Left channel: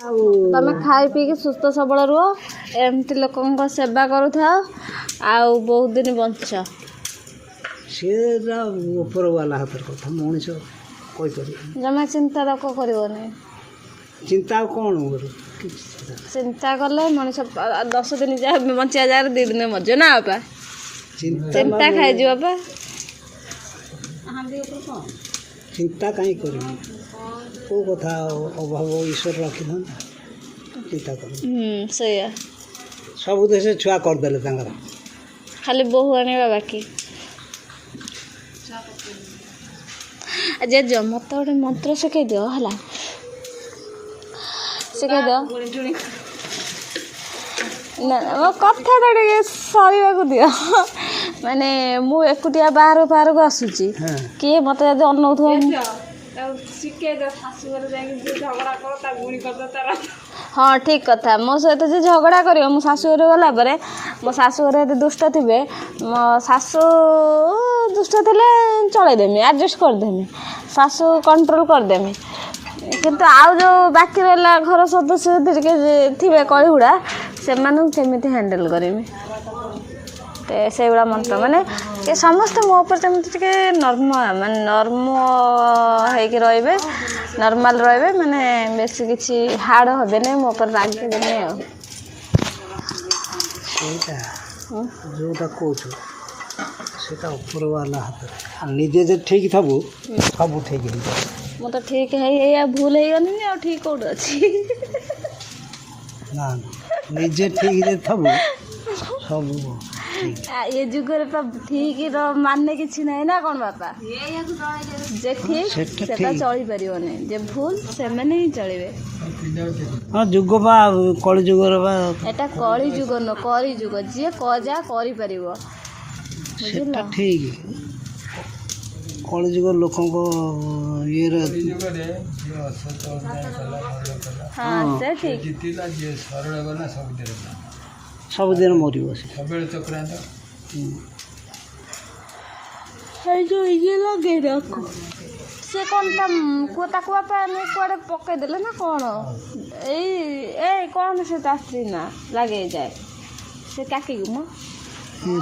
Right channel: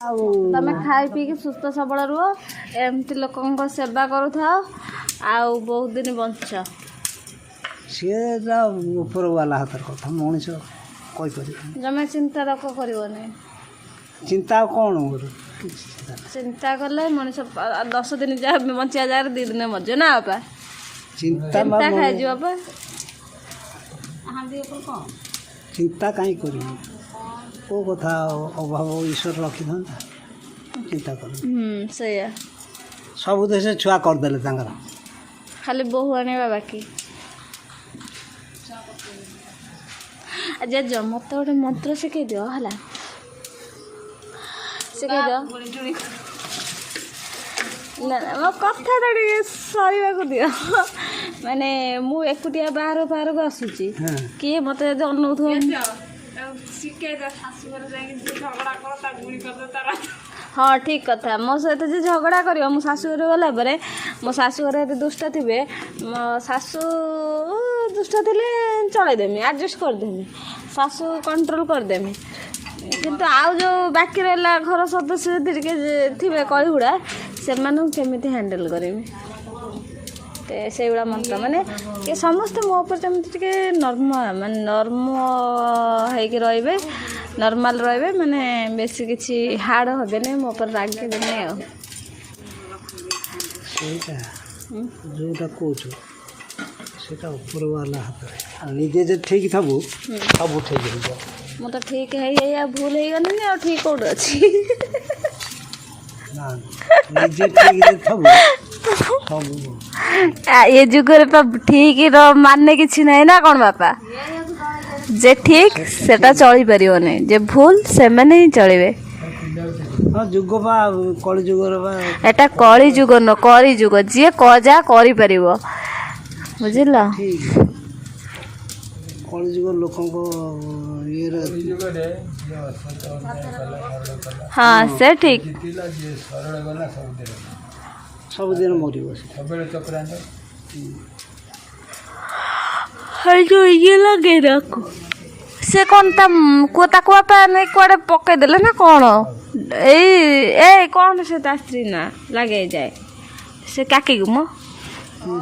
तमे खाई पी के सुस्थ सबल रुह एमती लोक सेवा करूथा आउ बहुत दिन बंच सीटा ऊपर वाला हाथ कथा मनीष जमा चिंता रक करनी चिंता कौन चिंता कले मनीष 10 दिन जा बंचा जाए 2 दिन मजे ना बापा चिंता खाई बापा चिंता कहीं कर कथा अभाव ईश्वर रखी था चिंता कर सब देश छुआ करदे खाली बोहू आने बाकी जे मत गोटे मंत्र शिखई दियो है शिखई दियो ना मो कथा सर दियो माने मु एकुटिया बाहर बाहर को आसूची किए मत जब अनौथ हाँ ठीक कथा मो सहित जो झगड़ा कर मो शाशुघर गला मो शाशुघर यदि दुष्ट थे मो शाशु दुष्ट थे चलदेमी एडजस्ट करदेमी शाशु कंट्रोल करदेमी किंतु आउ जो बाकी रहा घर सदस्य थे कईगुड़ा से केमी हैंडल करमी से गुड़ा मंत्र माने समस्त मो पर नर्म माने नर्म होके रे नॉर्मल रे माने बेसी किसी हार्ड हे मो पर रागे देने जोटा कौच से ऊपर वाला हाथ निजे जो ठीक थबू सब ठीक हो तो ठीक है भूल हो गनी आ ठीक कौट अच्छी निजे ठीक थबू सब ये जुगर ठीक मानने किसी ना ना कौन बापा जे ठीक सेटा चली परियो नहीं जे भूल से मैंने ही चलिबे जुग बा कली जुगर बा एटा कली जुग न करी जुग जे कजा करि परिबो बुझिला ठीक कली जुग लोकों को ये हाँ से ठीक सब दिन मरी हर जो ये लगे रखो से कौन कोता कुआपा नहीं कुआड़े पके देले ना कौन ए कौन से स्त्री ना लगे जाए से काकी गुमो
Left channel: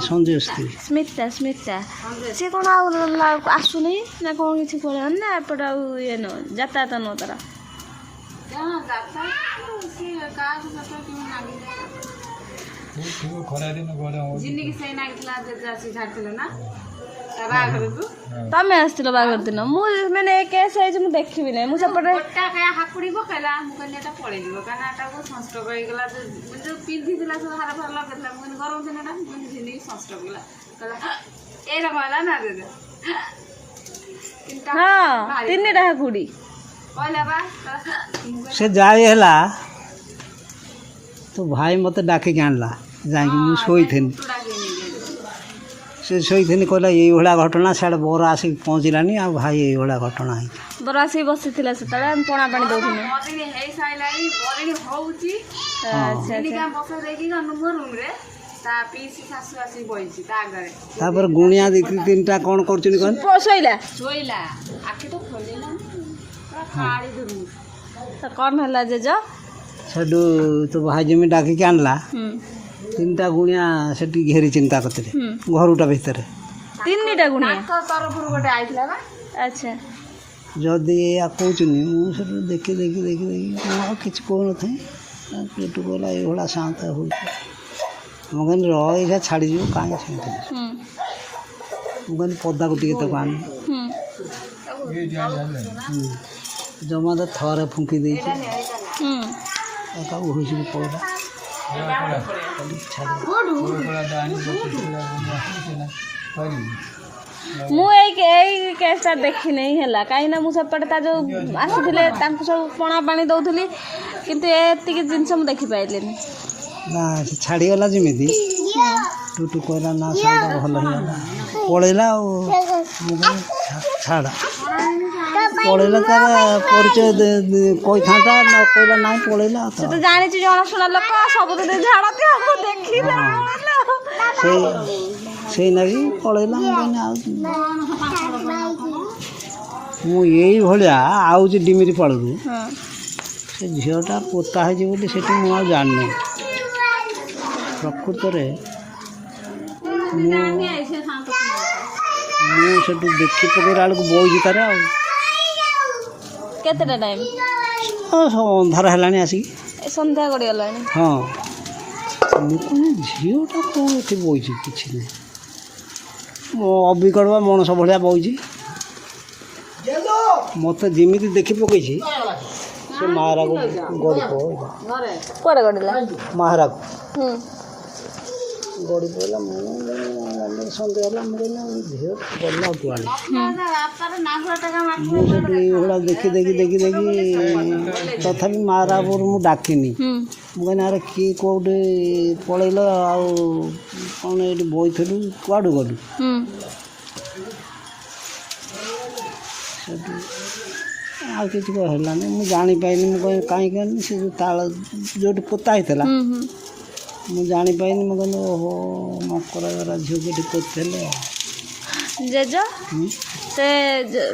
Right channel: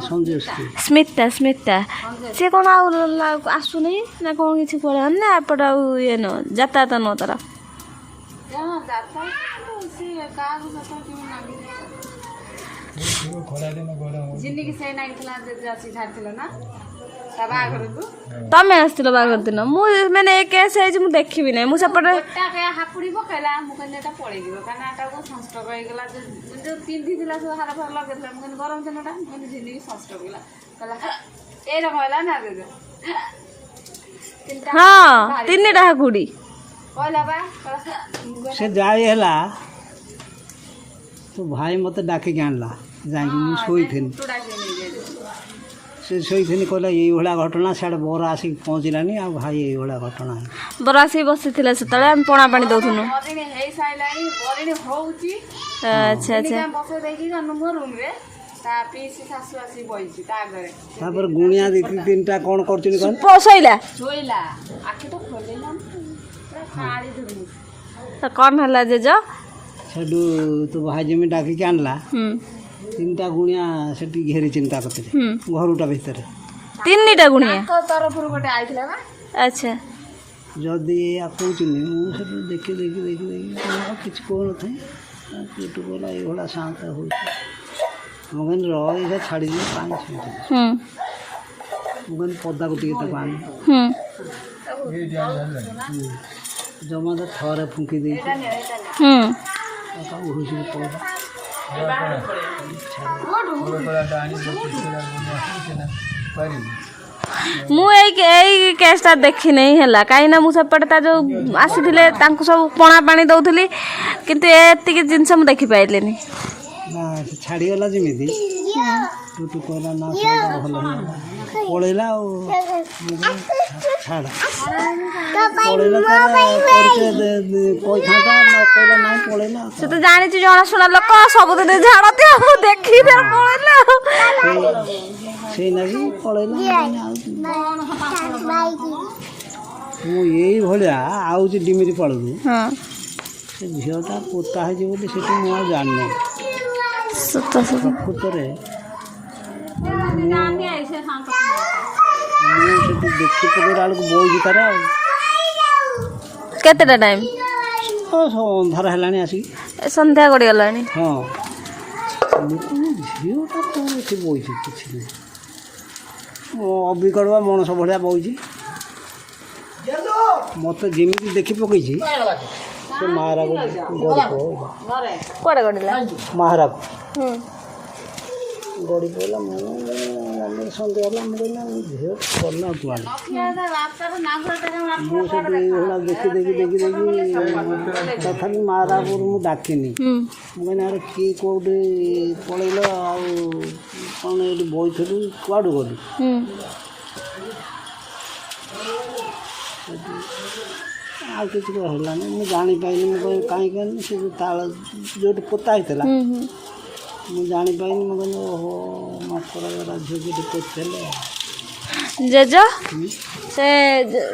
संजय स्मिता स्मिता से कौन आसु नहीं ना कौन किसी करे ना एपट ये न जाता तो न तारा तमें आसथिल बागर दिन मुझे केस है देखी ना मुझे हाकुड़ी पकड़ा मुझे पड़े सनस्ट्रोक होगा जो पिंधि सब हार फार लगे मुझे गरम दिनटा मुझे झिंडी सनस्ट्रोक होगा ये कहला ना हाँ 3टा हाकुड़ी से जाए तो भाई मत डाकिक आणला जाकि मुझे शोथी से शोथी कहला ये भाया घटना साढ़े बर आसिक पहुँचलानी आ भाई ये भाया घटना है बर आसिक बसी से पणा पानी दौन तापर गुणिया दी 3टा कौन कर कौन है जेज सेठू तो भाई में डाकिक आणला 3टा गुणिया से घेरी चिंता करते घरटा भितर 3टा गुणिया तरफ गोटे आइला अच्छा जदि या कहनी मुझे देखी देखी देखी देखी किसी कौन थे पेटू कहला ये शांत हो मुझे रहा छाड़ी कहीं मुझे पदा को टे आनी जमा तो थरे फुंकी दे मुझे केसटा देखी नहीं है कहीं ना मुझे जो आसी सब पणा पानी दौली किंतु एति जिनस मुझे देखी पाइले ना छाड़ीगला जमी टूटू कहला ना भल पलैला छाड़ा पलैला तार परिचय कही था ना कहला ना पलैला से तो जानी जनाशुना लोक सब झाड़ती देखी से लगी पलैला मु यही भाया आउची डिमिरी पाड़ ସେ ଝିଅଟା ପୋତା ହେଇଛି ବୋଲି ସେଠି ମୁଁ ଆଉ ଜାଣିନି। ପ୍ରକୃତରେ ମୁଁ ସେଠି ଦେଖି ପକେଇଲା ବେଳକୁ ବଇଛି ତାର ଆଉ। କେତେଟା ଟାଇମ୍? ଅନ୍ଧାର ହେଲାଣି ଆସିକି। ସନ୍ଧ୍ୟା ଗଡ଼ିଗଲାଣି। ହଁ ମୁଁ କହିଲି ଝିଅଟା କ'ଣ ଏଠି ବଇଛି କିଛି ନାହିଁ। ଅବିକଳ ମଣିଷ ଭଳିଆ ବଇଛି। ମୋତେ ଯେମିତି ଦେଖି ପକେଇଛି ସେ ମାହାରାକୁ ଗଡ଼ି କୁଆଡ଼େ ଗଡ଼ିଲା? ମାହାରାକୁ ଗଡ଼ି ପଡ଼ିଲା। ମୁଁ ସନ୍ଦେହ ହେଲା। ମୁଁ କହିଲି ଝିଅ ଗଲା କୁଆଡ଼େ। ମୁଁ ସେଠି ଏଇଭଳିଆ ଦେଖି ତଥାପି ମାହାରାକୁ ମୁଁ ଡାକିନି। ମୁଁ କହିଲି ଆରେ କିଏ କେଉଁଠି ପଳେଇଲ ଆଉ କ'ଣ ଏଇଠି ବଇଥିଲୁ କୁଆଡ଼ୁ ଗଲୁ। ସେଠି ଆଉ କିଛି ହେଲାନି। ମୁଁ ଜାଣିପାରିନି। ମୁଁ କହିଲି କାହିଁକି ସେ ଯେଉଁ ତାଳ ଯେଉଁଠି ପୋତା ହେଇଥିଲା ମୁଁ ଜାଣିପାରିନି। ମୁଁ କହିଲି ଓହୋ ମାଙ୍କଡ଼ ଝିଅକୁ ଏଠି ପୋତିଥିଲେ। ଜେଜ ସେ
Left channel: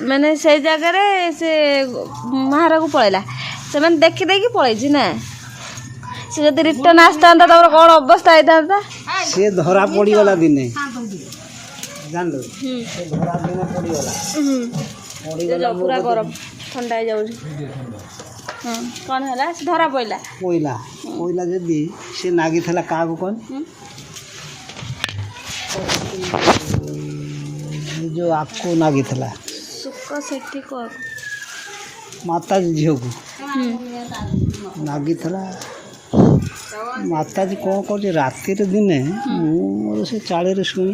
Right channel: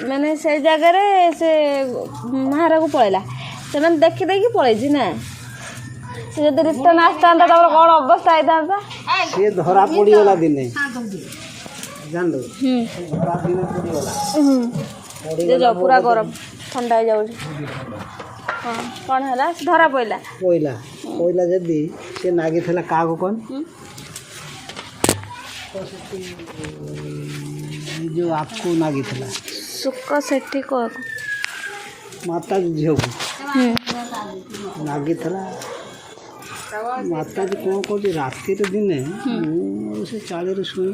ମାନେ ସେଇ ଜାଗାରେ ସେ ମାହାରାକୁ ପଳେଇଲା। ସେମାନେ ଦେଖି ଦେଇକି ପଳେଇଛି ନା। ସେ ଯଦି ରିଟର୍ନ ଆସିଥାନ୍ତା ତାପରେ କ'ଣ ଅବସ୍ଥା ହେଇଥାନ୍ତା। ସିଏ ଧରା ପଡ଼ିଗଲା ଦିନେ ଜାଣିଲୁ। ଧରା ଦିନେ ପଡ଼ିଗଲା। ପୁରା ଗରମ ଥଣ୍ଡା ହେଇଯାଉଛି। କ'ଣ ହେଲା? ଧରା ପଇଲା ଯଦି ସେ ନାଗିଥିଲା କାହାକୁ କ'ଣ ଯେଉଁ ଆକୁ ନାଗିଥିଲା ସୁକ ସେଠି ମାତାଜୀ ଝିଅକୁ ନାଗିଥିଲା। ମାତାଜୀ କ'ଣ କରୁଛି ରାତିରେ ଦିନେ ମୁଁ ମୋର ସେ ଚାଳିରେ ଶୁଇ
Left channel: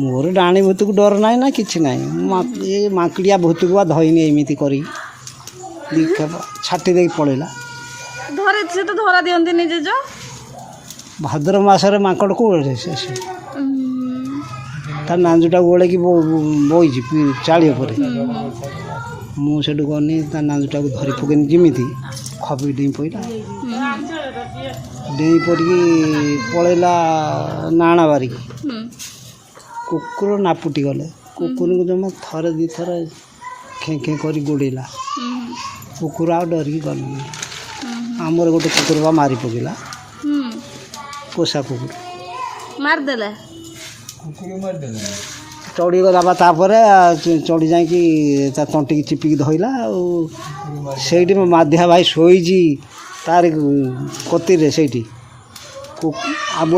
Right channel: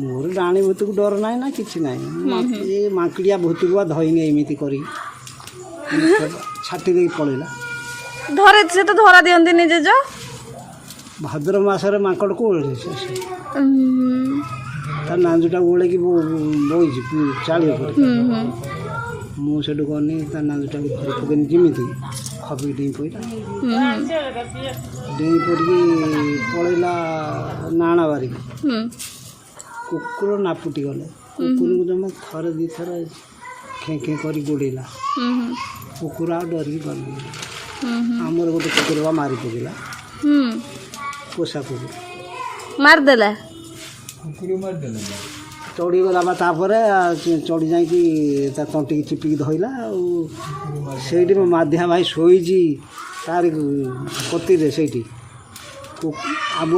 ମୋର ଡାଣି ଭୂତକୁ ଡର ନାହିଁ ନା କିଛି ନାହିଁ। ଏ ମାଙ୍କିଡ଼ିଆ ଭୂତକୁ ବା ଧଇନି ଏମିତି କରି ଛାଟି ଦେଇକି ପଳେଇଲା। ସେ ତ ଧରା ଦିଅନ୍ତିନି ଜେଜ। ଭାଦ୍ର ମାସରେ ମାଙ୍କଡ଼କୁ ଓହ୍ଲେଇছে ତା ନାଞ୍ଜୁଟାକୁ ଓଳେଇକି ବଇଛି ଚାଳି ଉପରେ। ମୁଁ ସେଠୁ ଗନି ତା ନାଞ୍ଜୁଟାକୁ ଧରି ପକେଇନି ଯେମିତି ଖପି ଡେଇଁ ପଡ଼ିଲା। ଡେଇଁ ପଡ଼ିକି ପଳେଇଲା ନାଣା ବାରିକି। କୁକୁର ନାପୁଟି ଗଲେ। କୁକୁରକୁ ଜମା ଥରେ ଦୁଇ ଥର ଖେଁ ଖେଁ କରି ଗୋଡ଼େଇଲା। କୁକୁର ଆଉ ଡରିକି ଗଲେନି। ଆମର ଗୋଟେ କୁକୁର ବା ମାରି ପକେଇଲା। ପୋଷା କୁକୁର ମାରିଦେଲା। ଚଢ଼ିଗଲା ବା ତାପରେ ଚଢ଼ି ଯାଇକି ତା ତଣ୍ଟିକି ଚିପିକି ଧଇଲା। ଆଉ ସେଇଠି ମାଧିଆ ଭାଇ ଶୋଇଛି ତାରି କତିରେ ସେଇଠି ଆବୁ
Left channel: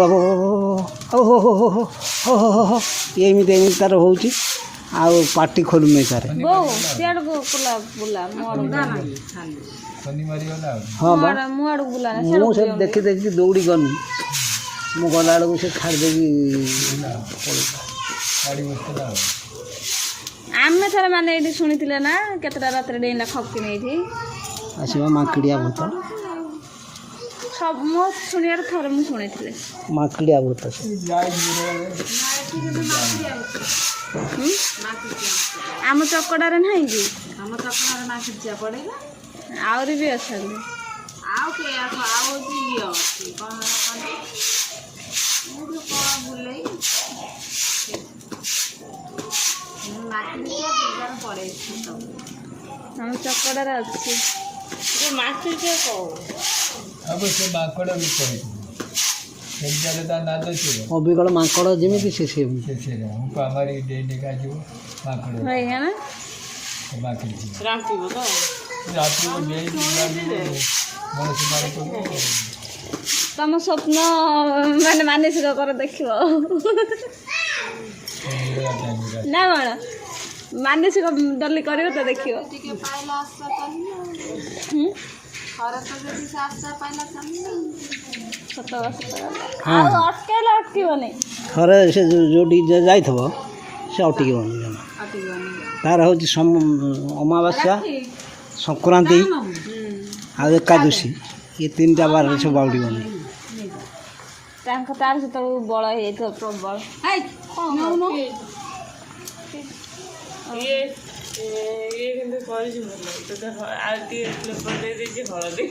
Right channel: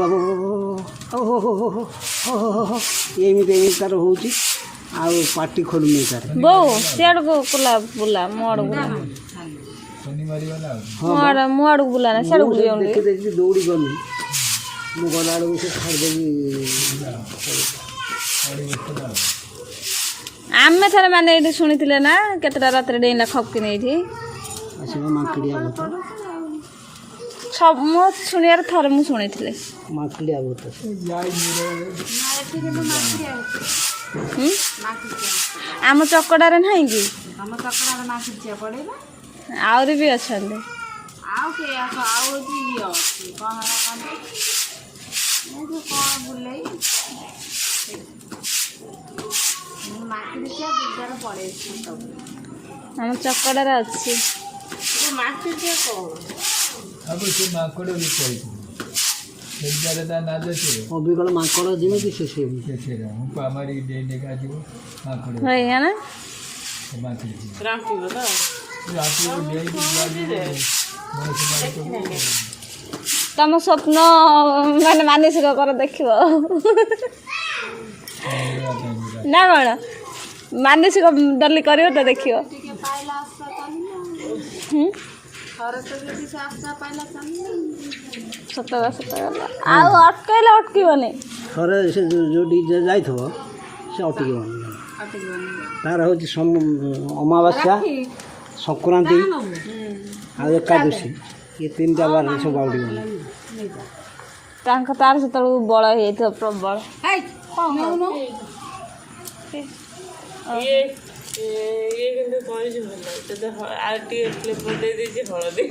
ଏମିତି ତାର ହେଉଛି। ଆଉ ପାଟି ଖୋଲୁନି ତାର। ସିଆଡ଼କୁ ବୁଲା ମୋ ଆଡ଼କୁ ବୁଲା ନା ମୁଁ ସେ ଦେଖି ଦୌଡ଼ି ଗନି। ମୁଁ ଗଲାବେଳକୁ ସେ ଛାଡ଼ି ଦେଇକି ଆମେ ଥରେ ମାନେ ଏଇଠି ଶୁଣିଥିଲେ ନା କେତେଟା ରାତିରେ ଡେଇଁଲା ଖପକି ନେଇଠି ଆସିବ ମାଙ୍କିଡ଼ିଆ ଭୂତ। ସବୁ ମୋ ଶୁଣିବାର ଥରେ ମୁଁ ଶୁଣିଥିଲି ମାଙ୍କିଡ଼ିଆ ଭୂତ। ଆମ ଚକଡ଼ାରେ ନାହିଁ କି? ଆମ ଚକଡ଼ାରେ ମାଙ୍କିଡ଼ିଆ ପଡ଼େଇବା। ଆହୁରି ବି ଅଛନ୍ତି। ଆଉ କିଏ ଆଉ ହେଉଛି ଇଏ ଅଛି କ'ଣ ବୁଲେଇ ମାଙ୍କିଡ଼ିଆ ଦୁର୍ଗାରେ ପଳେଇଛି। ଆମ ଚକଡ଼ାରେ ଅଛି। ମାଙ୍କିଡ଼ିଆ ଅବିକଳ ମାଙ୍କଡ଼ ଯେମିତି ସେ ତମ ସ୍ୱପ୍ନ ମାନେ ମାନସିକ କର ଦେଖିବ ନା କ'ଣ? ମାନସିକ ଡଲି କରିବ ତ ଦେଖିବ। ସତ ଆଉ ଅଟକେଇଲେ ଅଟକିବନି। ଥରେ ସେ ଯେଉଁଠି ଯାଇଥିବ ସେ ଅଟକିବନି। ତାର ହେଉଛି ଅମାବାସ୍ୟା, ସଂକ୍ରାନ୍ତି ଆଉ ଏକାଦଶୀ ଏ ତିନିଟା ବାରରେ ସେ ବାଉଡ଼ିବନି। ତାର ସେତେବେଳକୁ ବଳ ହେଇଯାଇଥିବ ପ୍ରବଳ। କିନ୍ତୁ କରିଛି ଭଲ। ଆଉ ଟିକେ ଫ୍ଲେଭର ଦେଇଦେଇଛି ହଳଦୀ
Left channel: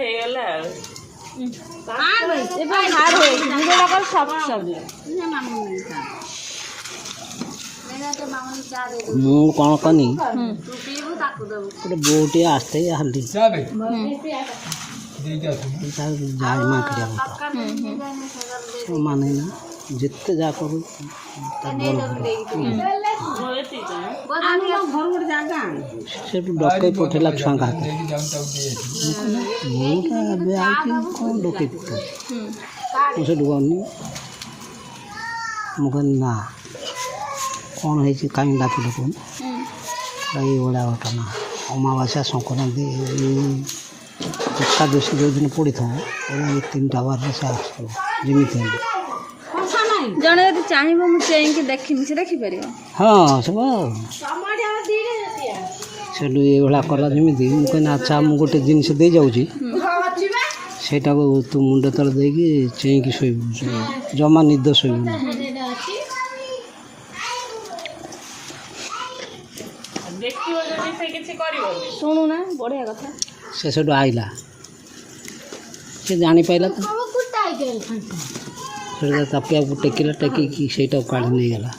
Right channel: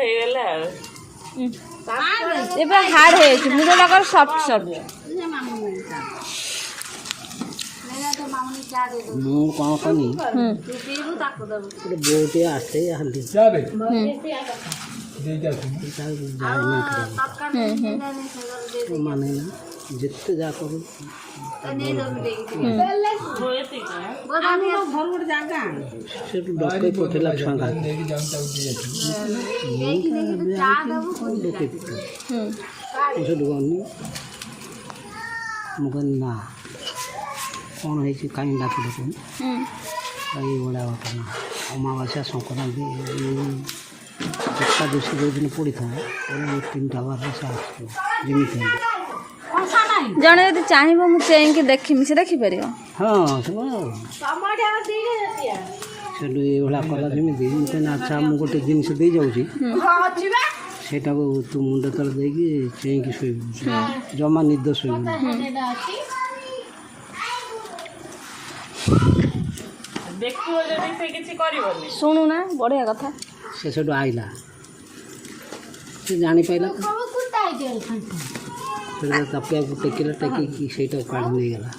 ହେଇଗଲା ଆଉ। ଏବେ ହାର୍ଡ଼ ହେଇଯାଇଛି। ମୁଁ ଯୋଉଟା କର ସଫ୍ଟ ସଫ୍ଟ। ମାମୁନି ଚା ଦେଇଦେବୁ ମୁଁ କ'ଣ କନି ତୁ ପିଇବୁ ତାକୁ ଦେବୁ ଗୋଟେ ବୋଉଟିଏ ଆସିଥାଏ ହାଣ୍ଡି ତରକାରୀ ମାନେ ନା ଯେତେ ଯାହା କରୁ ସେଠୁ ଡକେଇ ପଠେଇଲା ଛୁଆଙ୍କ ହାତରେ ମୁଁ ଏବେ ଆଇଛି କ'ଣ ଡକେଇ ପଠେଇ ମୁଁ ସେଠୁ ଗନି ମୁଁ କହିଲି ନା କ'ଣ ହେଇଛି କାହିଁକି ଡାକିଲେ କହୁନି ଏଇଭଳିଆ ଘଟଣା ଅମାବାସ୍ୟା ସଂକ୍ରାନ୍ତି ଏକାଦଶୀ ଯେଉଁଦିନ ପଡ଼ିଥାଏ ଏ 3ଟା ବାରରେ ସେ ଆସିବ ଯେମିତି ହେଲେ ଜଣେ ଯଦି ଚାହିଁବ ମୁଁ ଚେଇଁକି ଦେଖିନି ସେ ଦେଖିପାରିବ। ହଁ ସେ ସେଠୁ ଏଇଭଳିଆ କଲା ଯେମିତି ମୁଁ କହିଲି ଆଚ୍ଛା ମୁଁ ଗୋଟେ ଜିନିଷ ଦେଇ ଯାଉଛି ସେଇଟାକୁ ତୁ ମୁଣ୍ଡ ତଳେ ଦେଇକି ଚେଇଁକି ଶୋଇବୁ ଜମା ନିଦ ଶୋଇବୁନି। ଶୁଣୁନା ବଢ଼ିଆ କଥା। ସେ ସେଠୁ ଆଇଲା ସେ ଜାଣିପାରିଲା ତ ସେଠୁ ତା ପିଆକୁ ଟେକିଲା ଟେକିକି ସେଇଟାକୁ କାଢ଼ି ନେଇଗଲା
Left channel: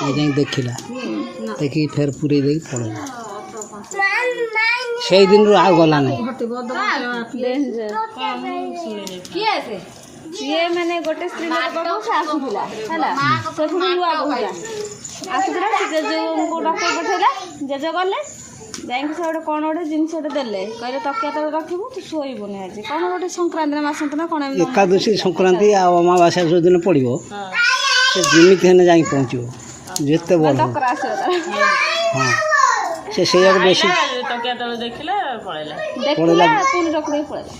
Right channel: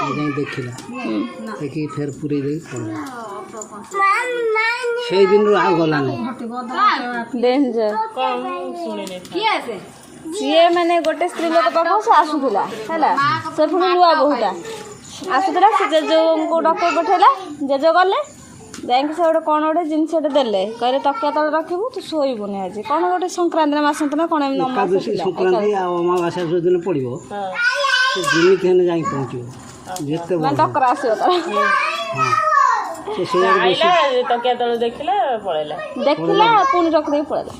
ଯାଇକି ଦେଖିଲା ଦେଖିକି ଫେର ପୁରେଇ ଦେଇକି ପଳେଇଲା। ସେଇ ଦିନରୁ ଆଉ ଗଲା ନାହିଁ। ସିଏ ମାନେ ଗୋଟେ ସ୍ତ୍ରୀ ଲୋକ ପାଖକୁ ସେ ଆସୁଥିଲା ହେଲା ସେ ପୁଣି ନୂଆ ବୋହୁଟା ଆସୁଥିଲା ସେ ଜେଜେଙ୍କୁ ଡକେଇ ପଠେଇଲା ଜେଜେ ଗଲେ ଯାଇକି ସେ ଗୋଟେ କ'ଣ ଗୋଟେ ଜିନିଷଟେ ଦେଲେ କହିଲେ ତକିଆ ତଳେ ରଖିବୁ ତୁ ଶୋଇବୁନି ଆଜି କ'ଣ ଗୋଟେ ସଂକ୍ରାନ୍ତି ନା ମାସନ୍ତ ନା କ'ଣ ଏକାଦଶୀ ସଂକ୍ରାନ୍ତି ଆଉ ଅମାବାସ୍ୟା ଯେଉଁଦିନ ପଡ଼ିବ ସେ ଯେମିତି ହେଲେ ଯାଇକି ପହଞ୍ଚିବ ଯେତେ ବଡ଼ ଡକରା ଆସିବ ତାର ହଁ ସେ ସେଇଆଡ଼େ ବେଶୀ ତକିଆ ତଳେ ଦେଖିଲା ପୁଣି ରଖିଦେଇ ପଳେଇଲା।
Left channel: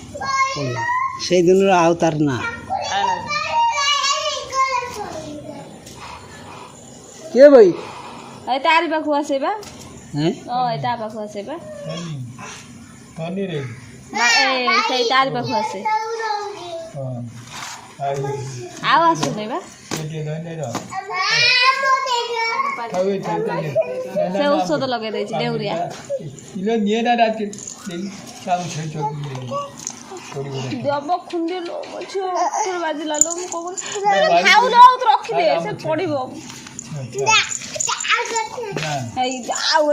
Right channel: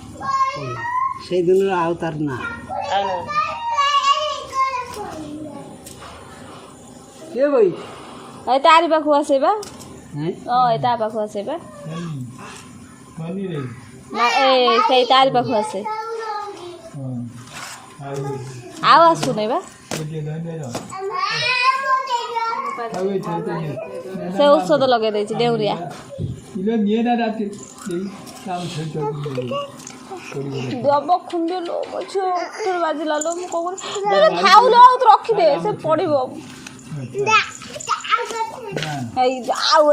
ସେଇ ଦିନରୁ ଆଉ ତାର ନା କିଏ ଭାଇ ଏ ତାରି ପାଖକୁ ଆସିବା ଏ ତା ପାଖକୁ ଆସିବା ନା ଏ ସେଇ ତାରି ପାଖକୁ ଆସେ ଆଉ ଆସୁନି ବା ସେ ଔଷଧ ଲଗେଇ ଦେଇଛି ଡେଉରିଆ ଦେବ ଖୁନ୍ଦିଲୋ ମୋ ଝିଅ ବାଜିଲା ଲୋ ମୁଁ କହୁନି ଖାଉଲୋ ଆଉ ତୁ ରଖିଦେ ସେ ପଡ଼ିବ ଆଉ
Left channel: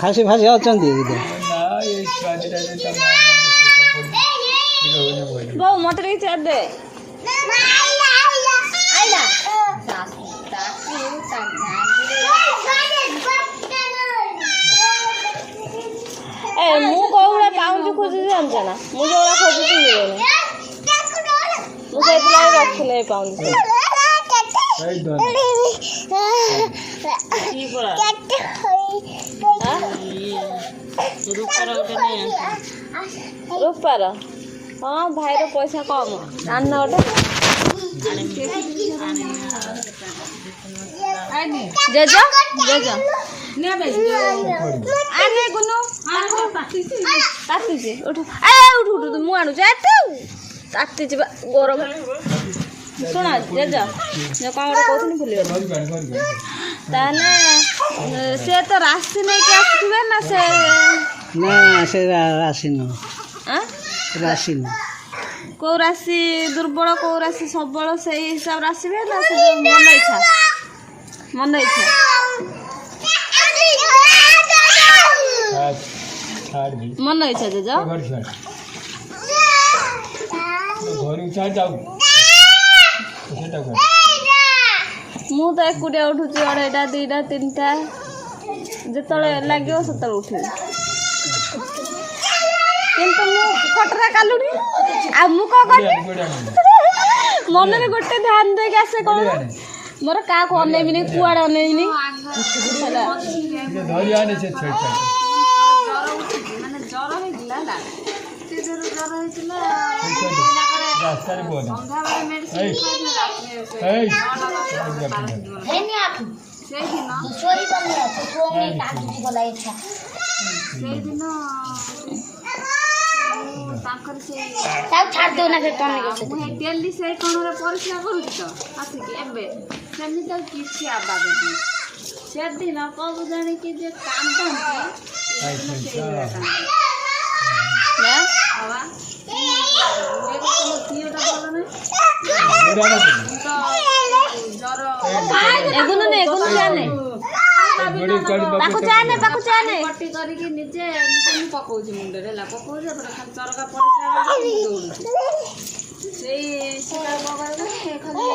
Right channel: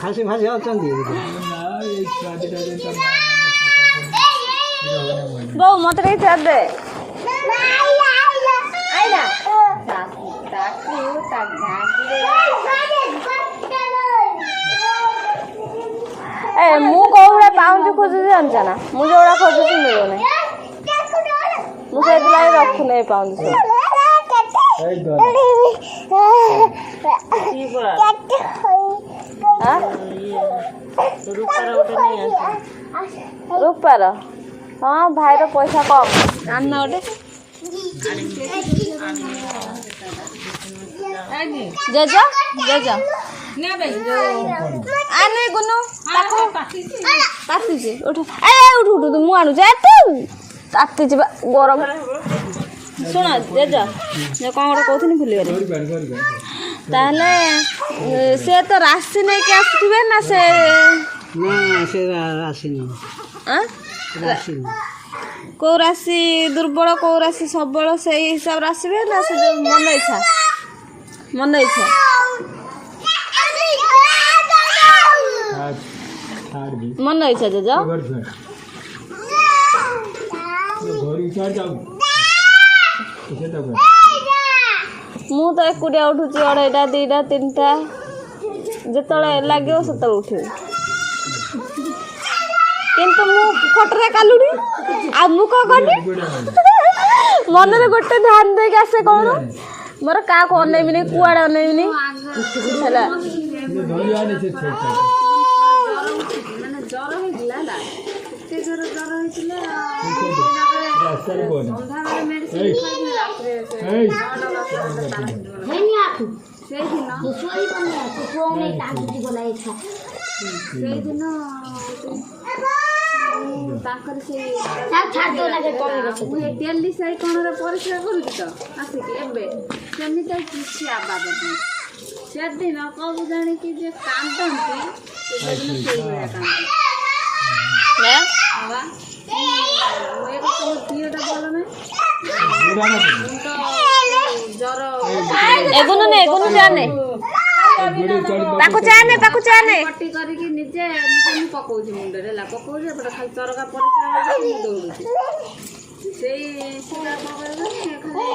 ଖାସି ଫାସି ଅଛନ୍ତି ବୋଉ ମତେ ଟିକେ ଚା ଦେ ଏ ମୁଁ କୋଉଭଳିଆ ପାଉଁଜି ଖୋଜୁଛି ଜାଣିଛ ନା ମୁଁ ଯୋଉଗୁଡ଼ା ଖୋଜୁଛି ମିଳୁନି ମୁଁ ସେଇଥିଲାଗି ରଖୁନି ଏ ପାଉଁଜି ରୂପାର ହଁ ଭାଇର ପଇସା କମ୍ ଆଣିନ ଗୋଟେ ଜେଜ ଜେଜ ଆରେ ଗୁନୁ ତାତିଛି ଉଠୁ ଉଠୁ ଉଠୁ ମୁଁ ଆଣୁଛି ଏଠୁ ତାତିଛି ବା ଗରମ ଶୁଣ ଜେଜ କ'ଣ ଗୋଟେ କହୁଥିଲି ଭୁଲିଗଲି ତାହେଲେ ସେ ତ ରାଶି ନେଇକି ଆସିଥିବେ ନା ସେ ରାଶି କେଉଁ ରାଶି ଦୁର୍ବଳ କେଉଁ ରାଶି ସବଳ ସେଇ ହିସାବରେ ଆସିବେ ନା ସେ ମନ ଇଚ୍ଛା ମନ ଇଚ୍ଛା ଜେଜ ମୁଁ ତ ଏକୁଟିଆ ଉଠୁଛି 2ଟା 2ଟା 3ଟା ଯେତେବେଳେ ଲାଗିବ ସେତେବେଳେ ଉଠିବି କିନ୍ତୁ ମୁଁ ଖଟରେ କାଲୁଣି ଆଉ ମୁଁ କ'ଣ କଲି ମନରେ ଗୋଟେ ଧ୍ୟାନ ଦେଇକି ଆସେ କ'ଣ ମୋର କାହାକୁ ଅନେଇବିନି କୁଆଡ଼େ ଅନେଇବିନି ହେଲା ସେଇଦିନ ତାଙ୍କର ମୁଁ ଡେଲି ସେଇ କଣରେ ପରିସ୍ରା କରୁଛି ତ ଆସିକି ଏବେ ସେମିତି କିଛି ଆବାଜ ନାହିଁ ସେଦିନ କବୁ ଜାଣିକି ଯେ କାନ୍ଦନ୍ତି ସେଦିନ ସେଇଭଳିଆ କାନ୍ଦନ୍ତି ନା ବାବା ତମ ଦିହଟା ଭଲ ନାହିଁ ମୁଁ ତ ଜ୍ୱର ଏଗୁନ ନେ ଏଗୁନ ଚାନେ ତାକୁ ଚାନେ ପଟି କରିକି ନିଜେ ମୁଁ ପକଉଛି ମୁଣ୍ଡରେ ହେଲା ପକଉଛି ଏପଟେ ଖାଲି ଚରକା ପରିସ୍ରା ମୁଁ ଦୌଡୁଛି ସେଇ ଖାଲି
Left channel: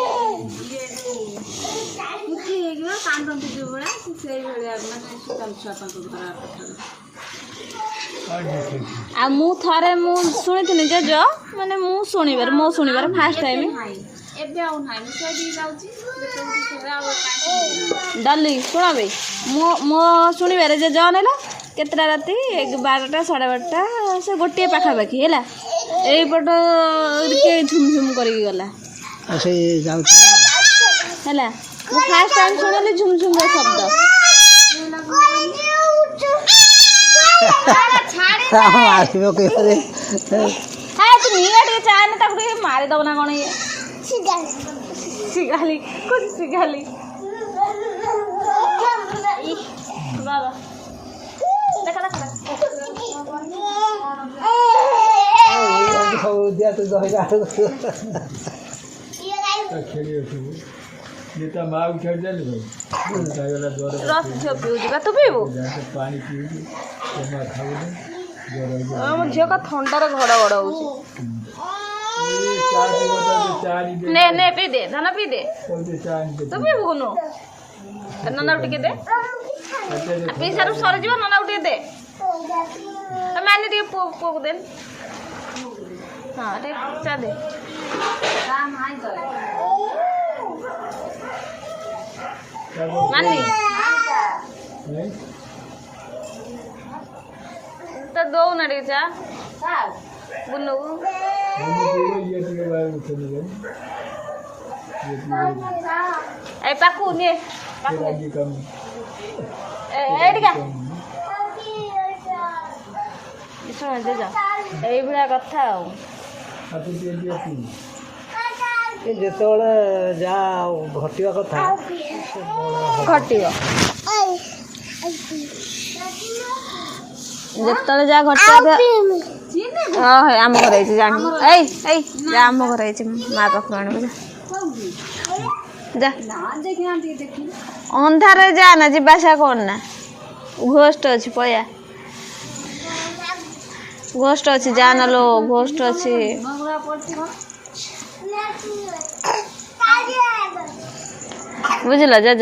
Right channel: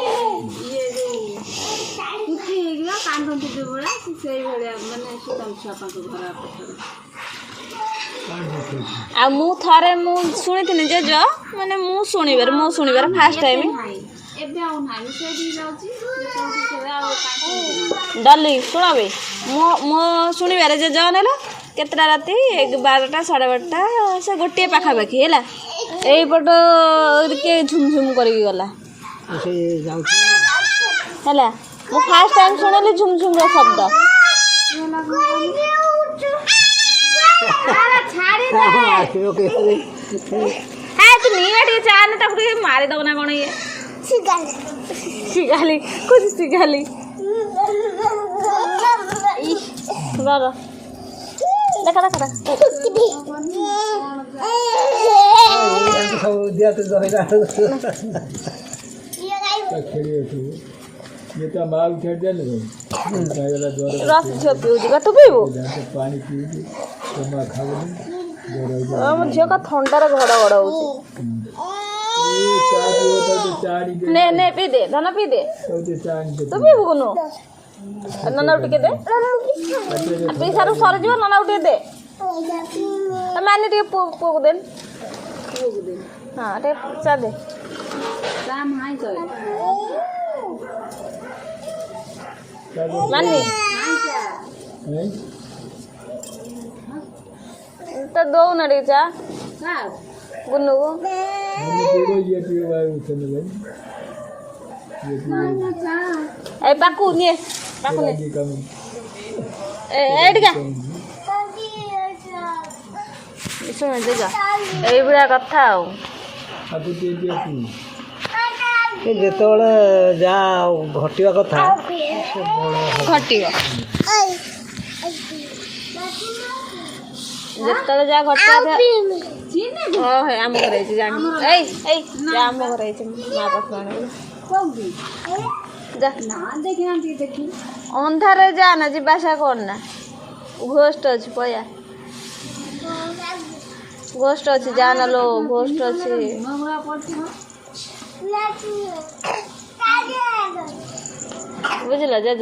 ଇଏ ଯୋଉ କୁଠି ହେଇଯିବ କାନ୍ଦନ୍ତି ଯୋଉ ଭଳିଆ ସେଇଭଳିଆ ମାନେ ସୁତମ ଛୁଆ ପାଖ ଘର ପାଖରେ ଆଉ ମୁଁ ଥରେ ମୁଁ ଶୁଣିଥିଲି ଜେଜ ମାନେ ମୋ ଶୁଣିବାର ଫାଷ୍ଟ ଟାଇମ୍ ଏବେ ଆଉ ନାହିଁ ମୁଁ ସେଇଠି ଯାଉଛି ଡଲି ଶୁଣ ବେ ମୋ ଶୁଣିବାରେ ଜେଜ ନେଲା କେତେଟା ରାତି 12ଟା 12:30 ସେ ଗୋଟିଏ ପାଖାପାଖି ହେଲା ଏଇପଟ ଝୁମଝୁମ କରିକି ଗଲା ସେଇ ଯାଉଛି ହେଲା ମୁଁ ଫାଷ୍ଟ ଟାଇମ୍ ଶୁଣିଲି ଝୁମଝୁମର ଶବ୍ଦ ଆସିବ କେବେ হ্যাঁ তুই নিয়ে ଟିକେ চা না তারপরে মারিদেব না কোন ইয়ে শিখালি খুব শিখালি বাবা দেখা দেখা ସବୁ ଦିଆ ତୁ ଦହିରା ଯେଟା ମା ଉଠାଇ ଦେଲେ ଖାଇଗଲା ଜ୍ୱର রস ঝিও পিউছি বা তু পিবু ପାଣି ପିଇକି ଜମା ଖାଉନି ଜ୍ୱର ମୋ ଝିଅ କା ଥଣ୍ଡାରେ ଘଡ଼ ଘଡ଼ ହଉଛି ଚା ପିଇବ ତାକୁ ଚା ନେ ନେ ପିଇ ଦେ ଧନ ପିଇ ଦେ ଚା ଆଣିଦେ ତୁ ପିଇବୁ କୋନୁ ନନାକୁ ଟିକେ ଦେ ପିଇ ସାରୁ ସରିଯିବ ନନାକୁ ଟିକେ ଦେ ମାନେ ଟିକେ ପୁଅକୁ ଦେ ହଁ ଟିକେ ଚା ଦେ ମାନି ତ ଦଉନା ଟିକେ ଚା ଗୁନୁକୁ ଏ ପାକୁ ନିଏ ପାକୁ ନିଏ ଏଇଠିକା ଶୁଣ ଜେଜ ଏଇଭଳିଆ କଥା ଆଉ ଯେତେବେଳେ ଯାହା ଘଟିବା କଥା ଘଟିବ ଯେତେବେଳେ ଯାହା ଘଟିବା ହଁ ହେ ଆମ ଘରେ ହେଇଛି ଜାଣି ଏଇ ଏଇ ଯା ଆମ ଘରେ ହେଇଛି ମା ପାଖକୁ ଆଣିବୁ ଅନ୍ଧାରରେ ଯା ନା ଯିବା ଆସିବା କର ନା ଘୋଷ୍ଟ ଅଛି ପଳା ଘୋଷ୍ଟ ଅଛି ଯା ନା ଲୋ ଘୋଷ୍ଟ ଅଛି ବୁଝିଲ ଜେଜ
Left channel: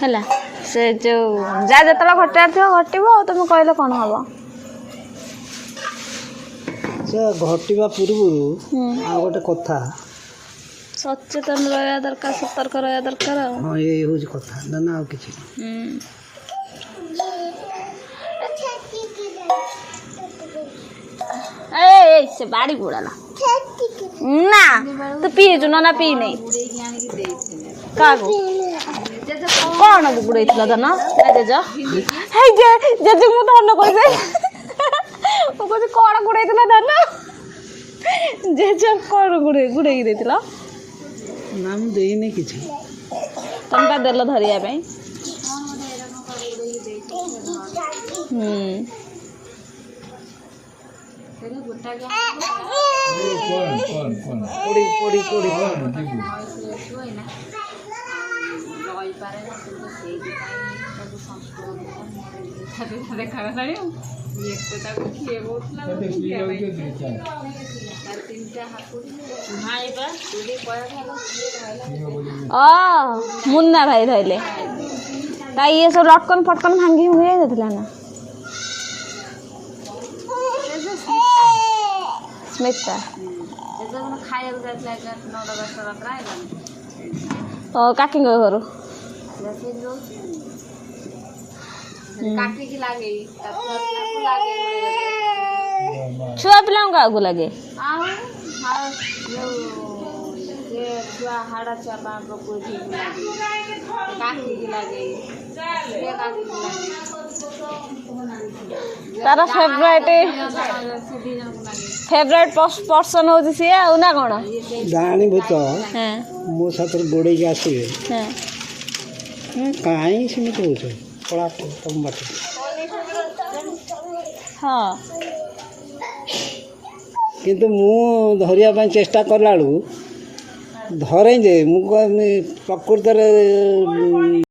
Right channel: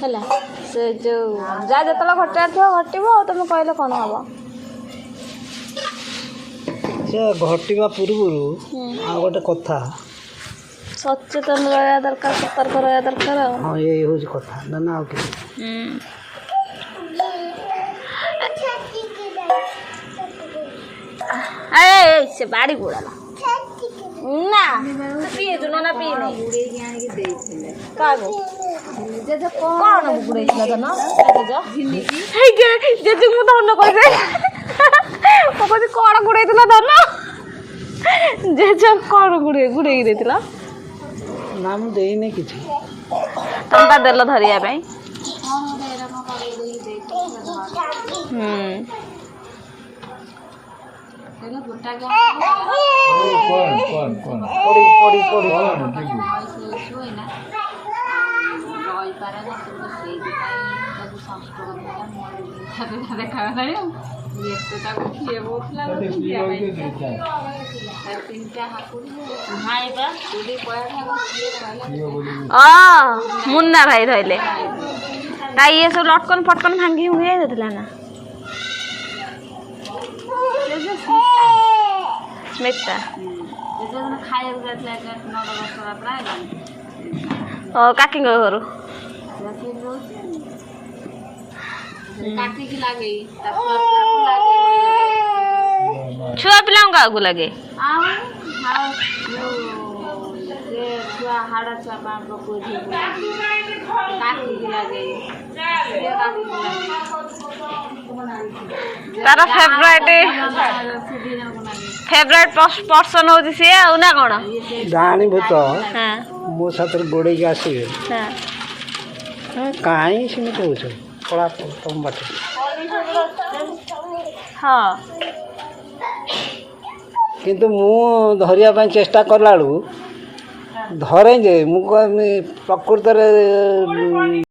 ହେଲା ସେ ଯୋଉ ଯାହା ଯେତେବେଳେ ଘଟିବାର ଥିବ ଘଟିବ ତମେ କହିଲେ କ'ଣ ହବ ସେ ଘଟିବା ପୂର୍ବରୁ ଆଉ ଗୋଟେ କଥା ସଚେତନ ରହିବା ଦରକାର ସତର୍କ ରହିବା ଦରକାର ହଁ ଏଇ ହେଉଛି କଥା ନା ଆଉ କିଛି ସେ ବାଡ଼ି ବୁଡ଼ା ନା ତୁ ପିଇଛୁ ନା ପିଇ ନେଇ କାହାକୁ କ'ଣ ବୁଡ଼େଇଥିଲ ଧନ ଜେଜ ଜେଜ ମୁଁ ଧନ କହିବି ମୁଁ କହୁଛି କ'ଣ ବୁଡ଼େଇଥିଲ ଧନ ଜେଜ କ'ଣ ବୁଡ଼େଇକି ଦେଇଥିଲ ନା ମୁଁ ଦେଇନି କିଛି ତମେ ବା ଦେଲ ଧରିବା ପାଇଁ ମୁନ୍ନା ଭାଇ ଧଇଲେ ତା ଇଏ ସବୁ ଲଟକନ ଫଟକନ ଭାଙ୍ଗି ଭୁଙ୍ଗି ଯାଇଥିଲା ନା ସ୍ମିତା ଖାଇବାକୁ ଯାଇଥିଲା 9-10 ପ୍ରାୟ କାକିଙ୍କ ଘରୁ କାଟିକି ଲାଗେ ଛୁଆ ପିଲାଙ୍କୁ କାହାକୁ ଲାଗେ ଆଉ ଛୁଆ ହାଡ଼ ଛୁଆ ପକଉଛି କାଟିକି ଲାଗେ ତାର ଫେଭରାଇଟ ପର୍ସନ ହଉଛି ସିଏ ଆଉ ନା କ'ଣ ଡାହାଣୀ ଭୂତ ମୋ ସାଥିରେ ଗୋଡ଼େଇକି ଆସିବେ କାହିଁ ସେମିତି ହେଉଛ ପଳା ତମ ବାଟ। ହଁ କିନ୍ତୁ ମୁଁ ଧରିବା ପାଇଁ ଚେଷ୍ଟା କଲା ବେଳକୁ ଧରେ ଯେ ମୁଁ ପ୍ରକୃତରେ